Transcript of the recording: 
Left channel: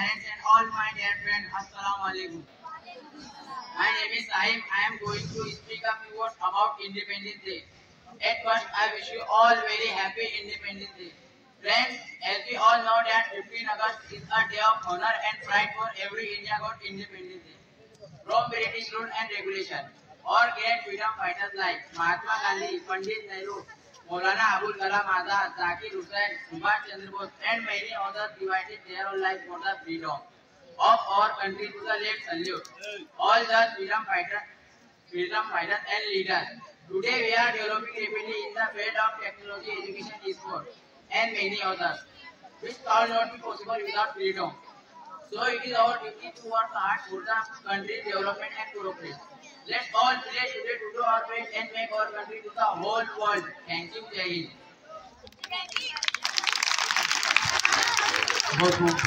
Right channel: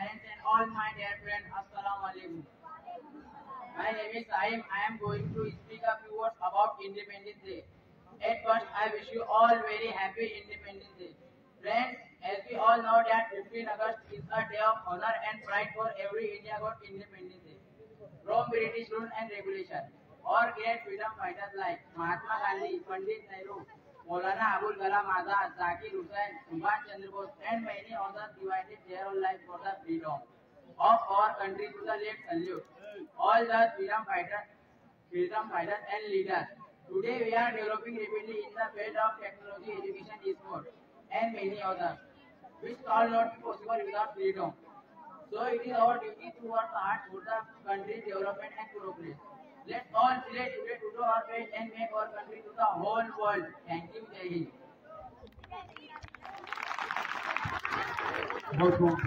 parents and all my dear friends. Assalamu alaikum. My name is Sahim. I am going to speak a few words about Independence Day. At first, I wish you all very happy Independence Day. Friends, as we all know that 15 August is a day of honor and pride for every India got Independence Day. From British rule and regulation, or great freedom fighters like Mahatma Gandhi, Pandit Nehru, Maulana Abul Kalam Azad, Zakir Hussain, Subhash Chandra Bose, and many others divided their own lives for the freedom of our country to the late salute. All the freedom fighters and leaders. Today we are developing rapidly in the field of technology, education, sport, and many others, which all not be possible without freedom. So it is our duty to work hard for the country's development and progress. Let's all play today to do our best and make our country to the whole world. Thank you, Jai Hind. बहुत बहुत